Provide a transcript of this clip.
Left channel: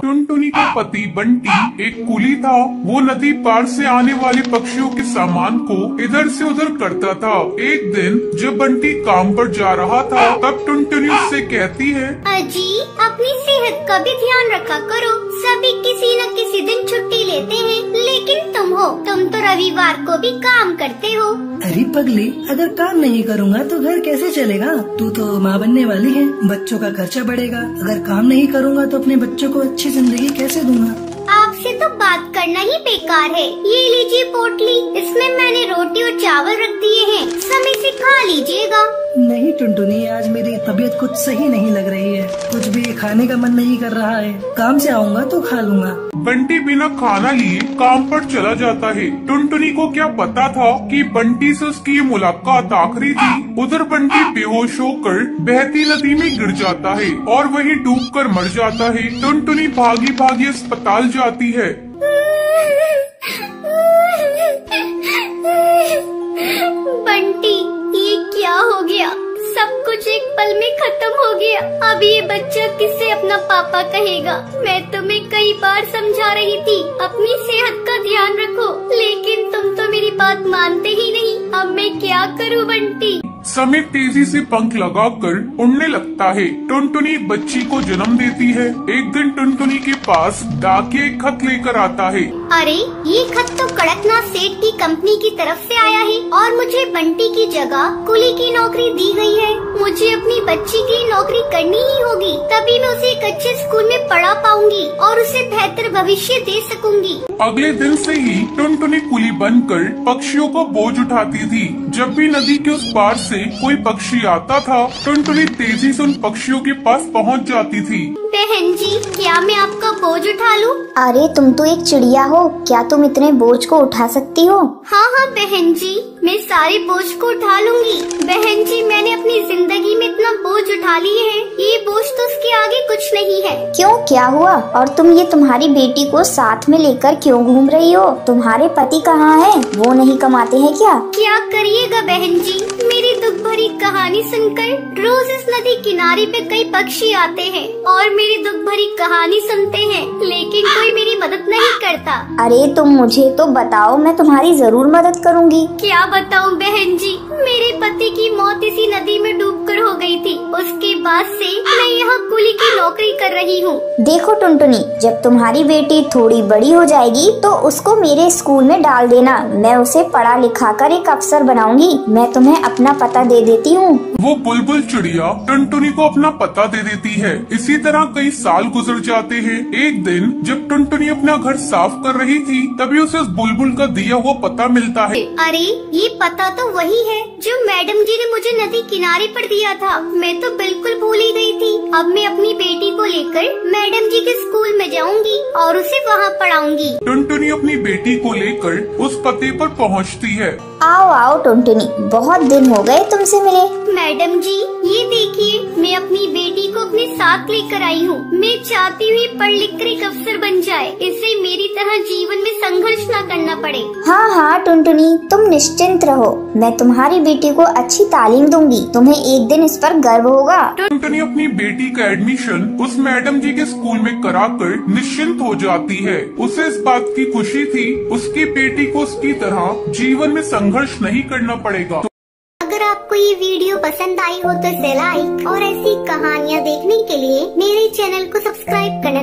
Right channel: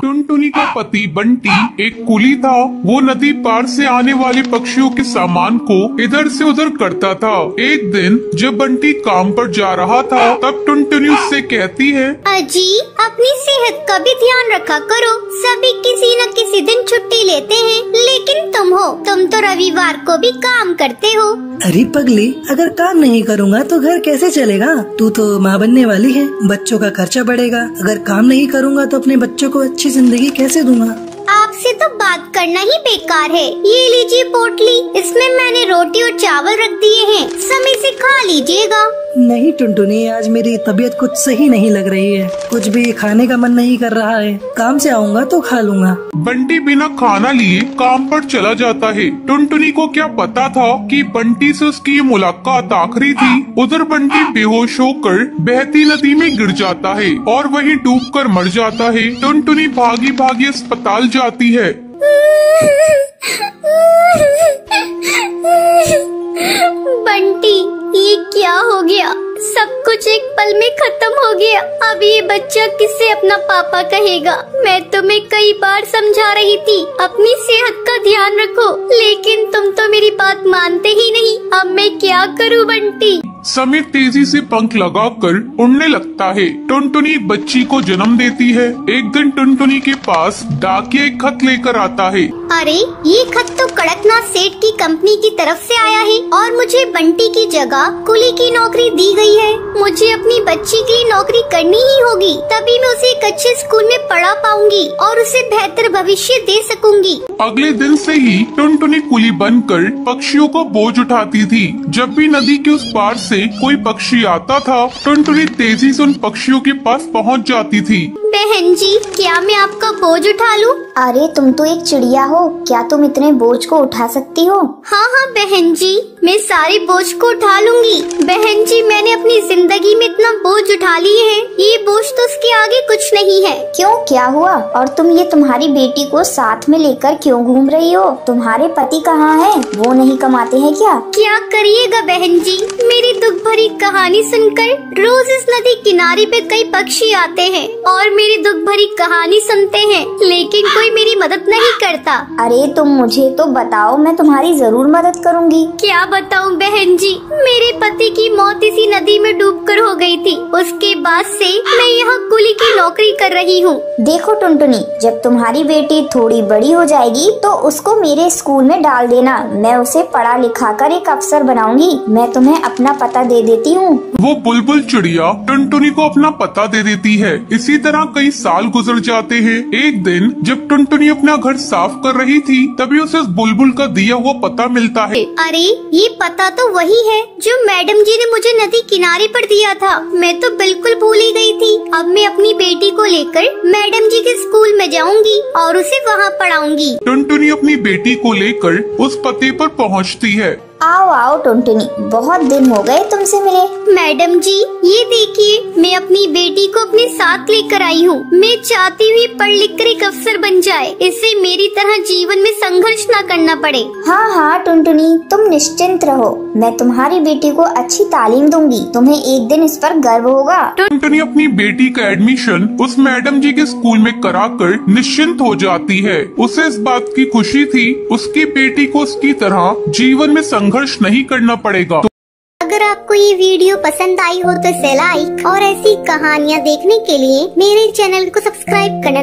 टुनटुनी का पति बंटी एक कुली था। वो नदी पार से आने वाले पक्षियों के सामान को इधर से उधर करता था। एक दिन जब बंटी काम पर जा रहा था तब टुनटुनी उससे कहती है, अजी अपनी सेहत का भी ध्यान रखा करो। सभी किसी न किसी दिन छुट्टी लेते हैं, लेकिन तुम तो रविवार को भी काम करते हो। अरे पगली, अगर काम नहीं करूँगा तो घर कैसे चलेगा? तू तो माँ बनने वाली है, बच्चों का खर्चा बढ़ेगा। अगर काम नहीं करूँगा तो अपने बच्चों को अच्छी जिंदगी कैसे दूंगा? आपसे तो बात करना ही बेकार है। ये लीजिए पोटली, इसमें मैंने रोटी और चावल रख दिए हैं, समय से खा लीजिएगा। नहीं टुनटुनी, आज मेरी तबीयत कुछ सही नहीं लग रही है, कुछ भी खाने का मन नहीं कर रहा है। काम से आऊँगा तो खा लूँगा। बंटी बिना खाना लिए काम पर चला जाता है। टुनटुनी को क्या पता था कि बंटी से उसकी ये मुलाकात आखिरी थी। उधर बंटी बेहोश होकर बहती नदी में गिर जाता है और वहीं डूबकर मर जाता है। टुनटुनी भागी भागी अस्पताल जाती है। बंटी, ये क्या हो गया? सब कुछ एक पल में खत्म हो गया। अब ये बच्चा किससे अपना पापा कहेगा? मैं तुम्हें कई बार समझा रही थी अपनी सेहत का ध्यान रखो, लेकिन तुम तो मेरी बात मानते ही नहीं। अब मैं क्या करूं बंटी? समय तेजी से पंख लगाकर उड़ने लगता है। टुनटुनी एक बच्ची को जन्म देती है। एक दिन टुनटुनी के पास डाकिया एक खत लेकर आता है। अरे ये खत तो कड़कनाथ सेठ की कंपनी की तरफ से आया है और मुझे बंटी की जगह कुली की नौकरी दी गई है। मुझे अपनी बच्ची के लिए नौकरी करनी ही होगी, तभी मैं उसे एक अच्छे स्कूल में पढ़ा पाऊंगी और उसे बेहतर भविष्य दे सकूंगी। अगले दिन से ही टुनटुनी कुली बनकर पक्षियों को बोझ उठाती थी। जब भी नदी के उस पार से कोई पक्षी आता था, टुनटुनी तेजी से उन पक्षियों के पास पहुंच जाती थी। बहन जी, क्या मैं आपका बोझ उठा लूं? अरे तुम तो एक चिड़िया हो, क्या तुम इतने बोझ को उठा सकती हो? हाँ हाँ बहन जी, मैं सारे बोझ को उठा लूंगी। बहन जी, मैंने अपनी जिंदगी में इतना बोझ उठा लिए है, ये बोझ तो उसके आगे कुछ नहीं है। क्यों, क्या हुआ? और तुम ये तुम्हारी बेटी को साथ में लेकर क्यों घूम रही हो? तुम्हारे पति कहाँ हैं? वो नहीं कमाते हैं क्या? क्या करिएगा बहन जी, मेरी दुख भरी कहानी सुनकर रोज इस नदी किनारे पे कई पक्षी आते हैं और मेरी दुख भरी कहानी सुनते हैं, लेकिन कोई मेरी मदद नहीं करता। अरे तुम मुझे तो बताओ, मैं तुम्हारी जरूर मदद करूंगी। क्या बताऊं बहन जी, मेरे पति की मौत इसी नदी में डूबकर हो गई थी। उसके बाद से मैं यहाँ कुली की नौकरी कर रही हूँ। देखो टुनटुनी, जब तुम्हारी बेटी थोड़ी बड़ी हो जाएगी तो उसको मेरे स्कूल में डाल देना। मैं उसे पढ़ा लिखा कर एक अफसर बनाऊंगी। मैं तुम्हें अपना पता दे देती हूँ। वो बुलबुल चिड़िया टुनटुनी को अपना पता दे देती है। इसी तरह कई साल गुजर जाते हैं। एक दिन जब टुनटुनी अपना घर साफ कर रही थी, तभी उसे उस बुलबुल का दिया हुआ पता मिलता है। अरे ये पता तो वही है जो मैडम जी ने मुझे नदी किनारे पर दिया था। मैं तो बिल्कुल भूल ही गई थी। अब मैं अपनी बेटी को लेकर मैडम जी के स्कूल में जाऊंगी और उसे वहाँ पढ़ाऊंगी। टुनटुनी अपनी बेटी को लेकर उस पते पर पहुँचती है। आओ आओ टुनटुनी, बहुत दिन हो गए तुमसे मिले। मैडम जी, ये देखिए, मैं अपनी बेटी को अपने साथ लेकर आई हूँ। मैं चाहती हूँ पढ़ लिख कर एक अफसर बन जाए, इससे मेरी तरह जीवन में संघर्ष न करना पड़े। हाँ हाँ टुनटुनी, तुम निश्चिंत रहो, मैं तुम्हारी बेटी को अच्छी तालीम दूंगी। तुम्हें एक दिन इस पर गर्व होगा। टुनटुनी अपनी बेटी का एडमिशन उस मैडम जी के स्कूल में कराकर निश्चिंत हो जाती है। उसे इस बात की खुशी थी, उसकी बेटी को उसकी तरह जीवन में संघर्ष नहीं करना पड़ेगा। अगर आपको ये वीडियो पसंद आई हो तो इसे लाइक और ऐसी कहानियाँ देखने के लिए मेरे चैनल को सब्सक्राइब करना